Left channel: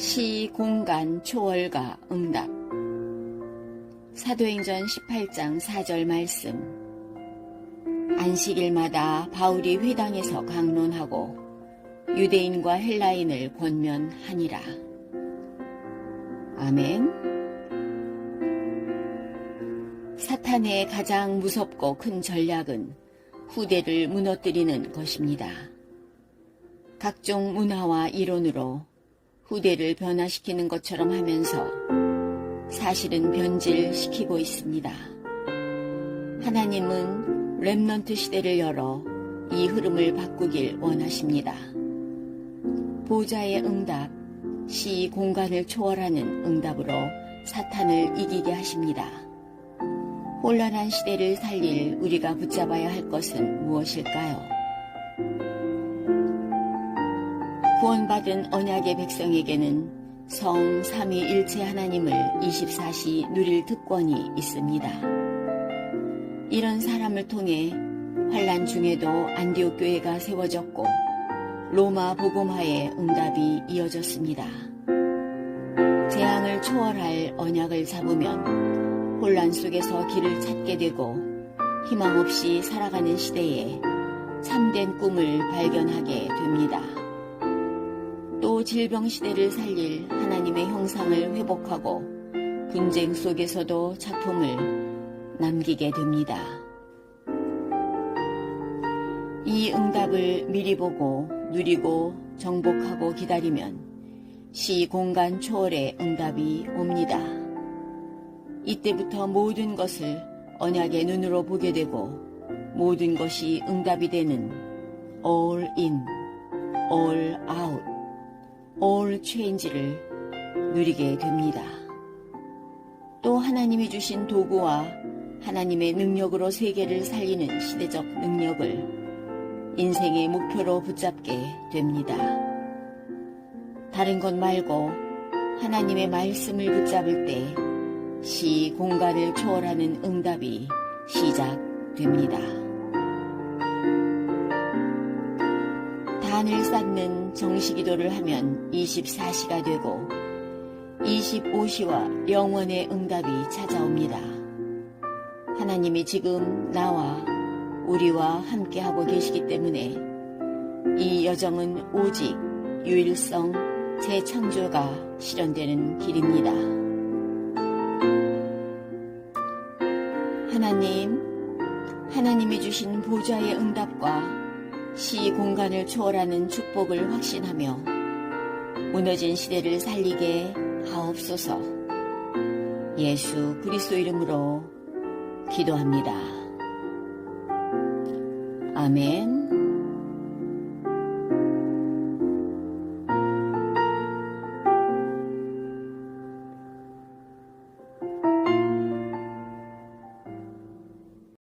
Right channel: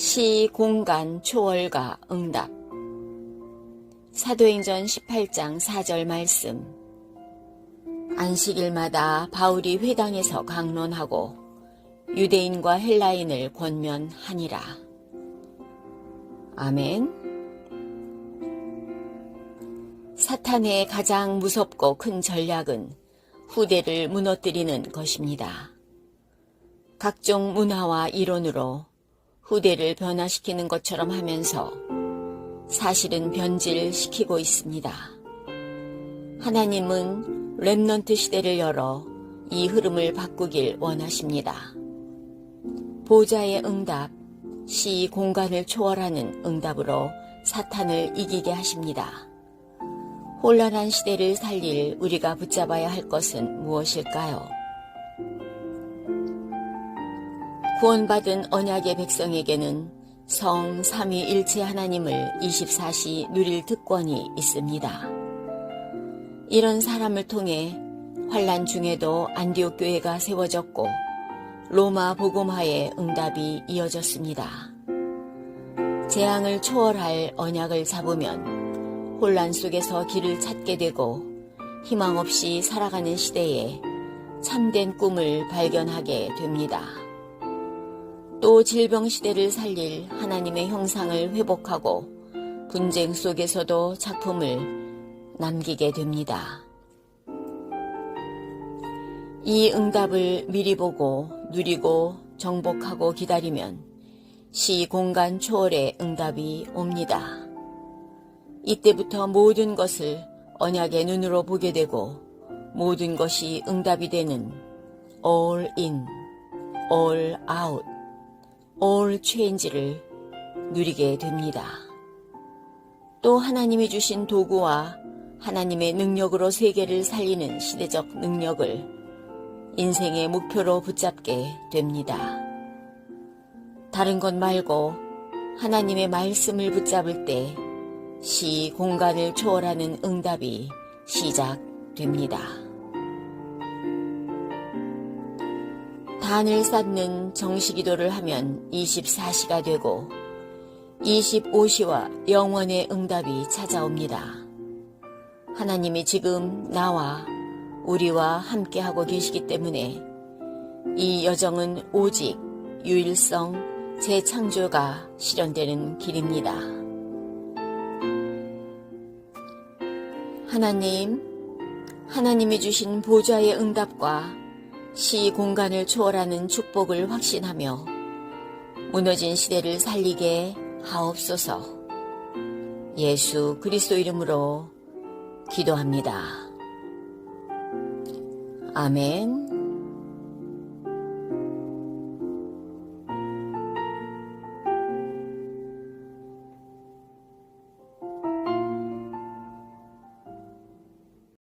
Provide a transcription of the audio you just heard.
시 공간 초월과 응답 사도행전 18장 4절 말씀 안식일마다 바울이 회당에서 강론하고 유대인과 헬라인을 권면하니라. 아멘. 사탄의 가장 무섭고 큰 전략은 후대를 무너뜨리는 것입니다. 각종 문화와 이론으로 후대를 변화시키는 것처럼 하면서 사실은 변질시키고 있습니다. 하나님은 랩넌트 시대를 열어 이 흐름을 바꾸길 원하십니다. 보좌의 응답, 시 공간을 초월하는 응답으로 사탄을 이기게 하십니다. 혼란한 시대를 살릴 우리가 붙잡아야 할 것은 무엇일까요? 구원받은 언약의 백성에게는 성 삼위일체 하나님을 24시 누릴 특권이 있습니다. 이런 사람을 통해 환란 중에도 안디옥 교회가 세워졌고 로마 복음화의 응답이 이어졌습니다. 재앙을 초월할 언약을 잡으면 혼란 속에서 길을 찾게 되고 희망 없이 살아가는 시대에 참된 꿈을 발견하게 됩니다. 또 질병 시대를 살릴 하나님의 형상을 회복하고 분쟁 속에서도 작품을 남기게 됩니다. 이 응답을 미리 보고 누리고 정복하고 기다리면 시 공간 초월의 응답이 옵니다. 이때부터 모든 것을 언약의 눈으로 보게 되고 모든 것이 응답이 되는 all in, all out, all change를 누리게 됩니다. 또 하나님이 주신 도구와 하나님의 능력으로 세계를 살리는 시대적 능력을 인생의 목표로 붙잡게 됩니다. 다른 것 말고 하나님의 말씀을 붙잡을 때 시 공간을 초월하는 응답이 시작됩니다. 단을 쌓는 정시기도를 하면 24시가 되고 25시와 영원의 응답이 찾아옵니다. 하나님이 지금 나와 우리와 함께하고 계시기 때문에 이 여정은 오직 유일성 재창조가 실현되는 길입니다. 하나님, 하나님이 주신 보좌의 응답과 시 공간을 초월하는 축복을 확신하며 무너진 시대를 살리게 하옵소서. 예수 그리스도 이름으로 기도합니다. 아멘.